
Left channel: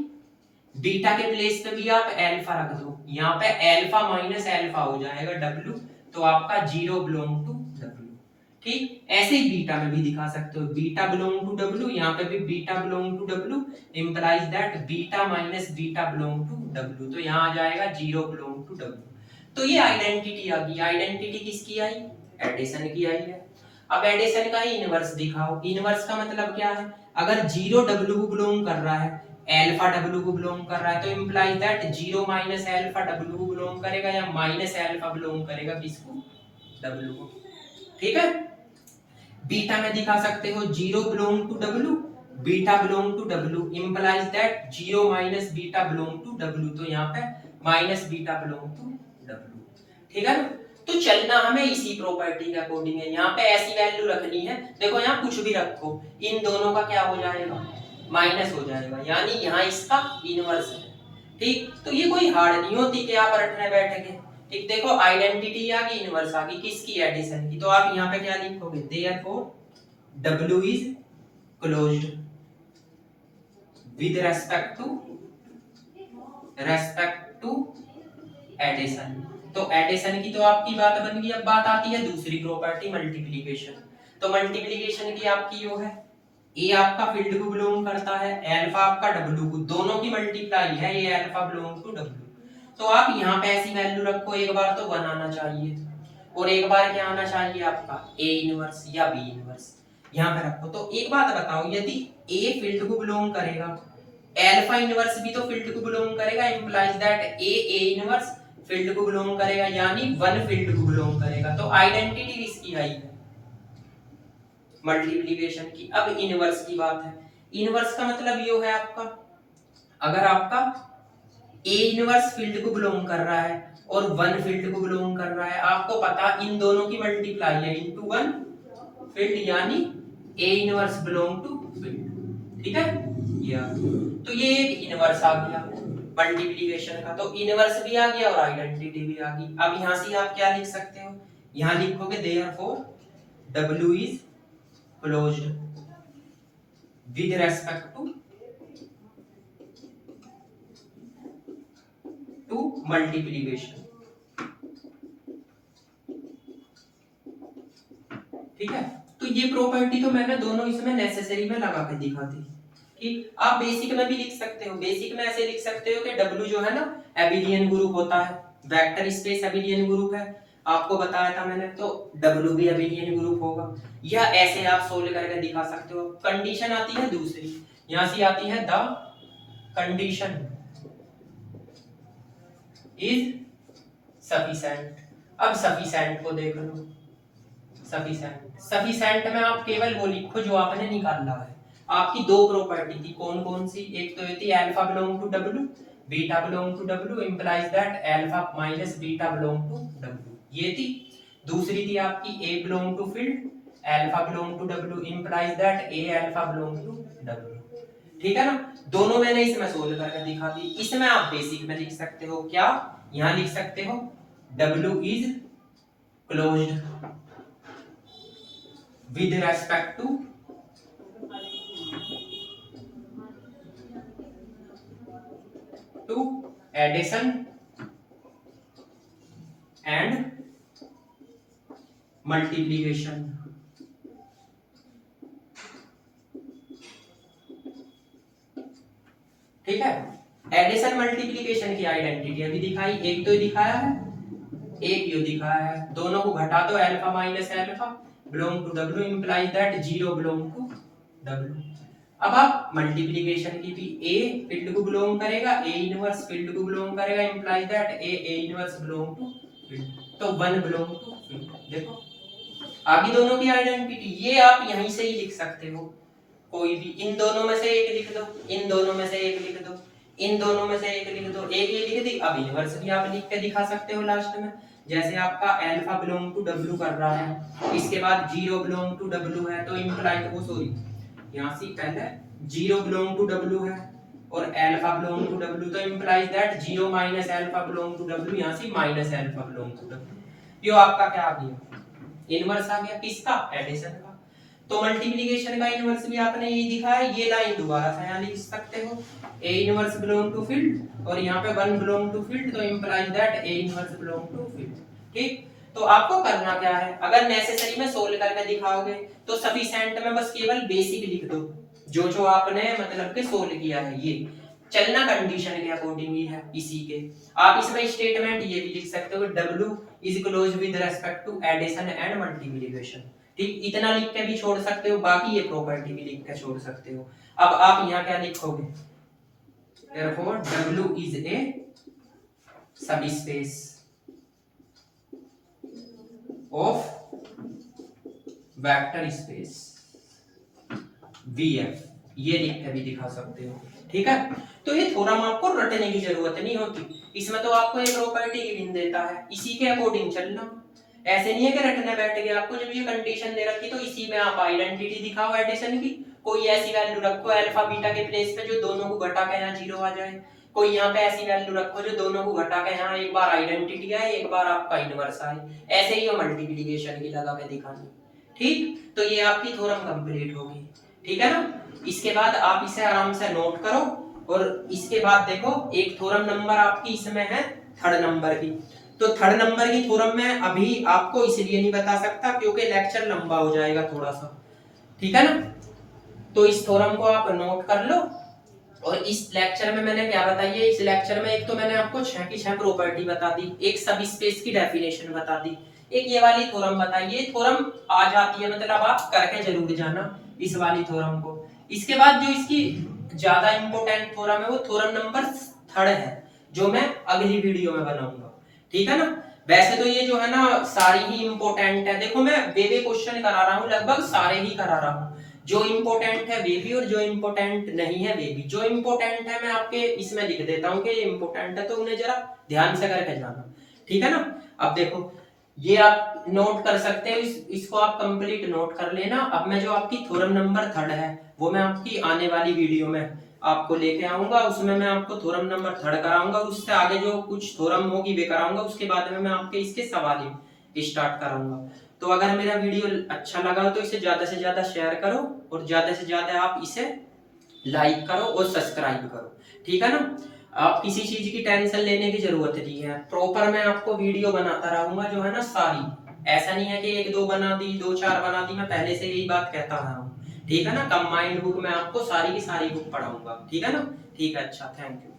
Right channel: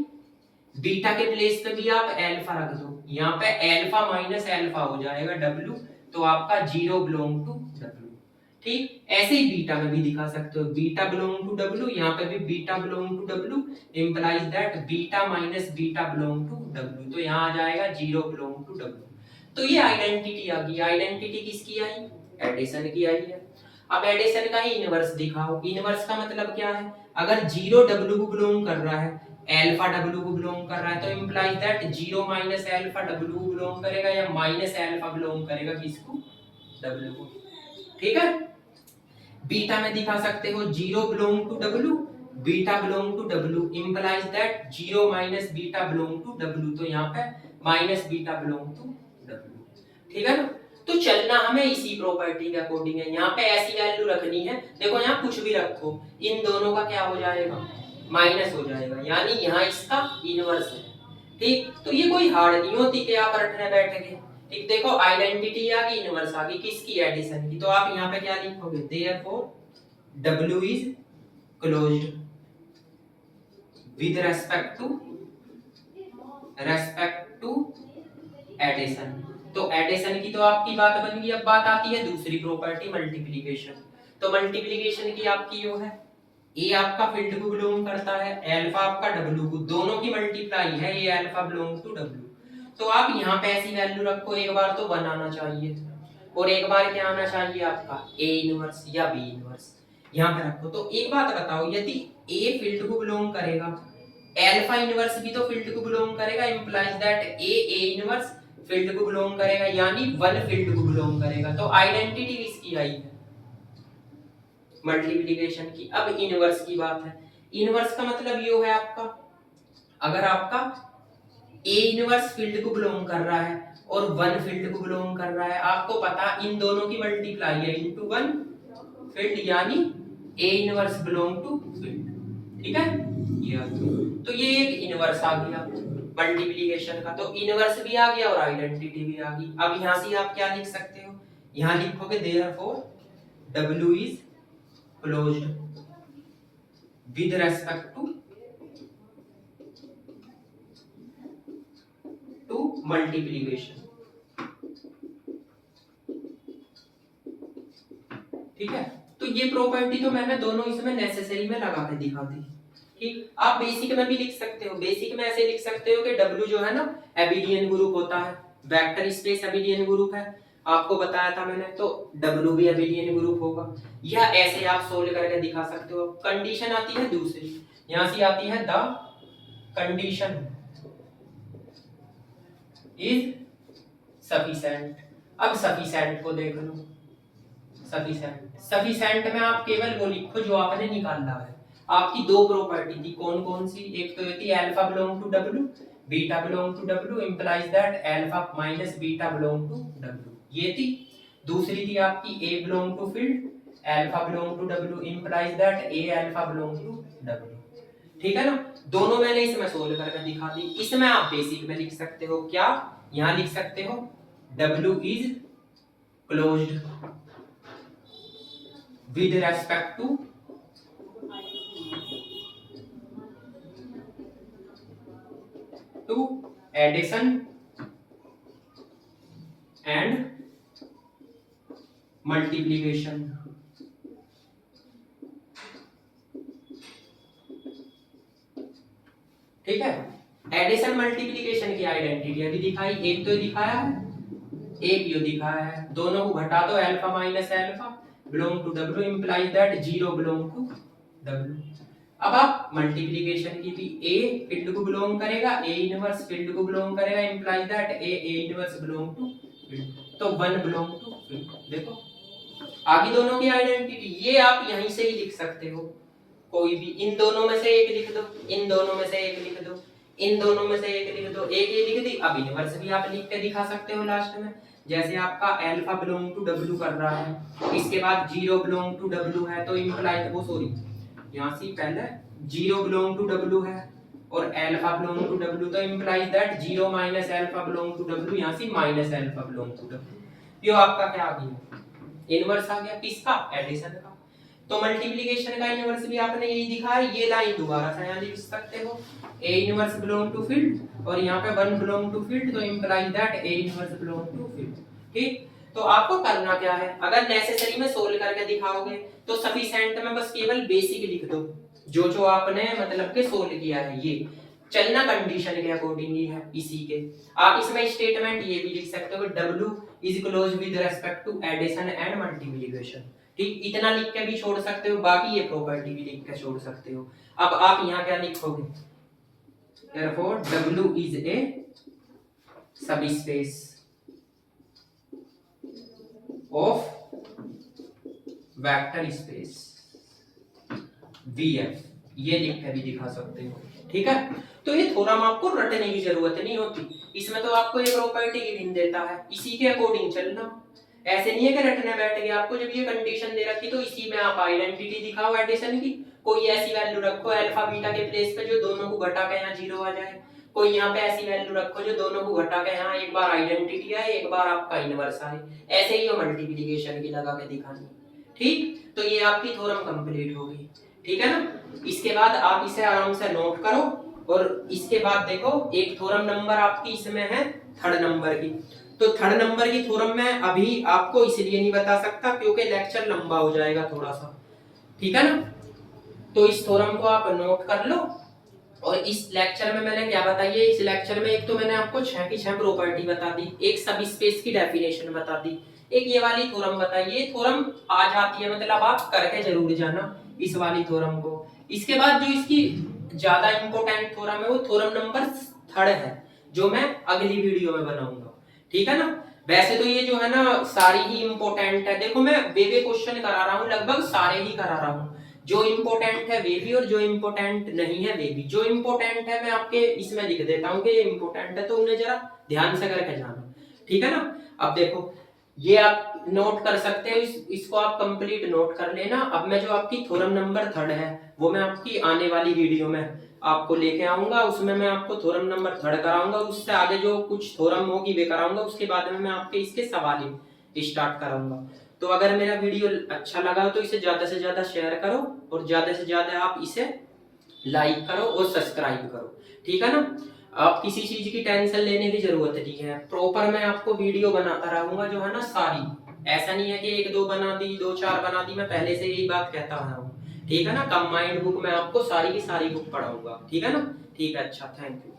बीटा के प्लेस पे भी आप अल्फा रख दो, यहाँ पे अल्फा माइनस अल्फा हो जाएगा डब्ल्यू, तो आपका जीरो बिलोंग टू डब्ल्यू। ठीक, ऐसे ही बीटा में भी दिखा सकते हो, बीटा बिलोंग टू डब्ल्यू, यहाँ पे भी beta belong to W implies that beta minus beta belong to W, तो यहाँ आ जाएगा जीरो बिलोंग टू डब्ल्यू। तो ये आइडेंटिटी आ गई। आइडेंटिटी किसकी आई, एडिशन की आई है। अब एडिशन का ही इनवर्स दिखाओ। इनवर्स का मतलब क्या है, अगर जीरो डब्ल्यू को बिलोंग कर रहा है, अल्फा डब्ल्यू को बिलोंग कर रहा है, तो implies that zero minus alpha W को बिलोंग करेगा, या माइनस अल्फा बिलोंग करेगा किसको, डब्ल्यू को। ठीक है, बीटा में दिखा सकते हो zero belong to W, beta belong to W implies that zero minus beta belong to W, तो यहाँ पे minus beta belong to W. ठीक है ना, तो चलना हमें इसी प्रॉपर्टी के अकॉर्डिंग है। यहाँ पे ऐसी वैल्यू रखनी है, देखो यहाँ कुछ भी रखो, इन दोनों का क्या हो जाएगा, माइनस हो जाएगा, यानी यहाँ इसका इनवर्स है। ठीक, तो ये कोई हार्ड नहीं होती कि आप रटने बैठेंगे। ठीक, देखो आइडेंटिटी आ गई, इनवर्स आ गई, किसकी, एडिशन की। तो आप यहाँ पे क्या लिखोगे, therefore W is closed with respect to addition. तो एडिशन की तो आपकी बात बन गई। अब बात आती है दूसरी प्रॉपर्टी, मल्टीप्लिकेशन। तो मल्टीप्लिकेशन की आपकी यो है, ए आपका फील्ड को बिलोंग करता है, अल्फा आपका डब्ल्यू को, दोनों की मल्टीप्लाई है, ये अल्फा बिलोंग टू डब्ल्यू। तो आप यहाँ पे ऐसी वैल्यू रखो, एक बार तो 1 आना चाहिए, और एक बार क्या आना चाहिए आपका, ए इनवर्स या बी इनवर्स, यहाँ पे रखो। तो एक बात बताओ, यदि ए फील्ड को बिलोंग करेगा, अल्फा इनवर्स भी तो फील्ड को बिलोंग करेगा, implies that a inverse field को बिलोंग करेगा, यानी 1 फील्ड को बिलोंग करेगा। तो आइडेंटिटी किसकी आई है, मल्टीप्लिकेशन की। अब इनवर्स की बात है। इनवर्स का मतलब ये है आपका, अगर आपका ए इनवर्स फील्ड को बिलोंग कर रहा है और 1 फील्ड को बिलोंग कर रहा है, आपको पता इन दोनों की मल्टीप्लाई है इनटू 1 फील्ड, यानी a inverse belong to field. ठीक है, ये तो ये एक इनवर्स आ गया मल्टीप्लिकेशन का। तो इनवर्स भी आ गया और आइडेंटिटी भी आ गई। अब यहां से आप क्या लिख सकते हो, यहां लिखोगे therefore W is closed with respect to multiplication. ठीक है, तो ये प्रॉपर्टी तो मैंने दोनों इसमें नेसेसरी में लगा के दिखा दी। ठीक, आप बेसिक में भी लिख सकते हो। बेसिक में ऐसे लिख सकते हो कि W जो है ना, एबिलियन ग्रुप होता है, वेक्टर स्पेस एबिलियन ग्रुप है, आपको बताया था मैंने, तो W भी एबिलियन ग्रुप होगा। या ऐसे आप सोल्व करके दिखा सकते हो। कंडीशन आती है दूसरी, यहां से आती है द कंडीशन इज सफिशिएंट। अब सफिशिएंट को देख लो, सफिशिएंट में आप केवल वो लिखो जो आपने निकाला है। आपकी दो प्रॉपर्टी थी, कौन कौन सी, एक तो ये थी alpha belong to W, beta belong to W implies that alpha minus beta belong to W, ये थी। दूसरी थी आपकी a belong to field, alpha belong to W implies that a alpha belong to W. ठीक है ना, दोनों मैंने इसमें सोल्व करके दिखा दी। इसमें आप बेसिक में लिख सकते हो, क्या यहां लिख सकते हो, W is closed with respect to addition and multiplication। ठीक है, एडिशन मल्टीप्लिकेशन की आइडेंटिटी अभी दिखाई, एक तो दिखाया है, एक ये दिखाया है, दोनों को घटा दो, alpha minus alpha belong to W implies that zero belong to W. अब आप मल्टीप्लिकेशन की भी ए फील्ड को बिलोंग करेगा, ए इनवर्स फील्ड को बिलोंग करेगा, implies that a inverse belong to field, तो 1 बिलोंग टू फील्ड। देखो आगे दोनों की आइडेंटिटी ये आप यहीं से ही लिख सकते हो, कोई भी इन दोनों में से एक लिख दो, इन दोनों में से एक लिख दो, इन दोनों में से एक लिख दो, एक ये लिख दी। अब इनवर्स भी आप लिख के दिखा सकते हो लास्ट में, जैसे आपका अल्फा बिलोंग टू डब्ल्यू कर रहा है, इसके बाद 0 बिलोंग टू डब्ल्यू है, तो इंप्लाइज वो सॉरी यहाँ से पहले 0 बिलोंग टू डब्ल्यू है और अल्फा बिलोंग टू डब्ल्यू, तो implies that 0 minus alpha belong to W, यहाँ से minus alpha belong to W. ये आपका क्या आ गया, इनवर्स आ गया किसका, एडिशन का। तो मल्टीप्लिकेशन का इनवर्स भी आपने ये दिखा है, ये लाइन दोबारा से यहाँ लिख सकते हो, a inverse belong to field और यहाँ पे 1 बिलोंग टू फील्ड, तो implies that a inverse belong to field. ठीक, तो आपको करना क्या है, अगर नेसेसरी में सोल्व करके दिखाओगे तो सफिशिएंट में बस केवल बेसिक लिख दो, जो जो आपने मतलब के सोल्व किया है, ये चलना कंडीशन के अकॉर्डिंग ही है इसी के। आप इसमें स्टेटमेंट ये भी लिख सकते हो, W is close with respect to addition and multiplication. ठीक, इतना लिख के भी छोड़ सकते हो, बाकी ये प्रॉपर्टी भी लिख के छोड़ सकते हो। अब आप यहाँ क्या लिखोगे, therefore W is a subspace of vector space VF, ये लिख के भी दिखा सकते हो। ठीक है, तो ये थोरम आपको रटने की जरूरत नहीं होती, इसमें तो आपको एक प्रॉपर्टी गिवन देता है, इसी के अकॉर्डिंग चलना। ऐसे नहीं है कि रटने बैठ गए, आपको जब ये कंडीशन दे रखी तो इसी में आप आइडेंटिटी दिखाओ एडिशन की, कोई ऐसी वैल्यू रखो अल्फा बीटा के प्लेस पे जो दोनों को घटा के यहाँ 0 आ जाए, कोई यहाँ पे ऐसी वैल्यू रखो जो दोनों को घटा के यहाँ एक बार आइडेंटिटी आए, एक बार आपका इनवर्स आए, ऐसे ही मल्टीप्लिकेशन की लगा के दिखानी। ठीक, तो ये आपकी थ्योरम कंप्लीट होगी। ठीक है ना, इसके बाद आप इसे आराम से नोट करो और इसके बाद देखो एक थ्योरम नंबर आपकी इसमें है 3rd नंबर की, तो 3rd नंबर की थ्योरम में अभी आपको इसलिए नहीं बता सकता क्योंकि लेक्चर लंबा हो जाएगा थोड़ा सा। ठीक है ना, तो इस थ्योरम को आप नोट कर लो। और इस लेक्चर में मैंने क्या बताई है, इस लेक्चर में एक तो मैंने आपको 6 की 6 प्रॉपर्टी बता दी, एक सब स्पेस की डेफिनेशन बता दी, एक ये वाली थ्योरम बताई। ये थ्योरम आ जाती है, मतलब आप करके जरूर जाना इस वाली थ्योरम को। इसके बाद जो इसकी ज्यादा इंपॉर्टेंट थ्योरम है वो थ्योरम नंबर 3rd है, जो मैं अगली वीडियो में बनाऊंगा। ठीक है ना, वैसे तो ये जो है ना सारी ही इंपॉर्टेंट है, देखो मैं वे क्वेश्चन करा रहा हूँ, लगभग सारे ही करा रहा हूँ, जो इंपॉर्टेंट है वे भी और जो इंपॉर्टेंट नहीं है वे भी। जो इंपॉर्टेंट है मैं आपके इसमें लिख देता हूँ कि ये इंपॉर्टेंट है, तो उन्हें जरा ध्यान से करके जाना। ठीक है ना, अब देखो ये आप नोट कर सकते हो, इसको आप कंप्लीट नोट कर लेना। अब मैं जो आपकी थ्योरम नंबर 3rd है वो मैं आपकी आने वाली वीडियो में आपको लेके आऊंगा, उसमें मैं आपको थ्योरम नंबर 3rd कराऊंगा, उससे आगे जो कुछ थ्योरम होगी वे कराऊंगा, उसके बाद में मैं आपके इसके सवाल स्टार्ट कराऊंगा। तो अगर मेरा वीडियो अच्छा लगा तो इसे ज्यादा से ज्यादा शेयर करो और ज्यादा से ज्यादा आप इसे लाइक करो और सब्सक्राइब करो। ठीक है ना, आप किसी चीज की टेंशन लेने की जरूरत नहीं है, प्रॉपर मैं आपको वीडियो बनाता रहूंगा जो है ना सारी, ऐसा नहीं है कि 1-2 बना दी 2-4 बना दी, मैं पहले से यही बात कहता रहा हूँ। ठीक है ना, कंबाइंड बुक में आपको सारी की सारी बुक पढ़ाऊंगा। ठीक है ना, ठीक है, अच्छा, थैंक यू।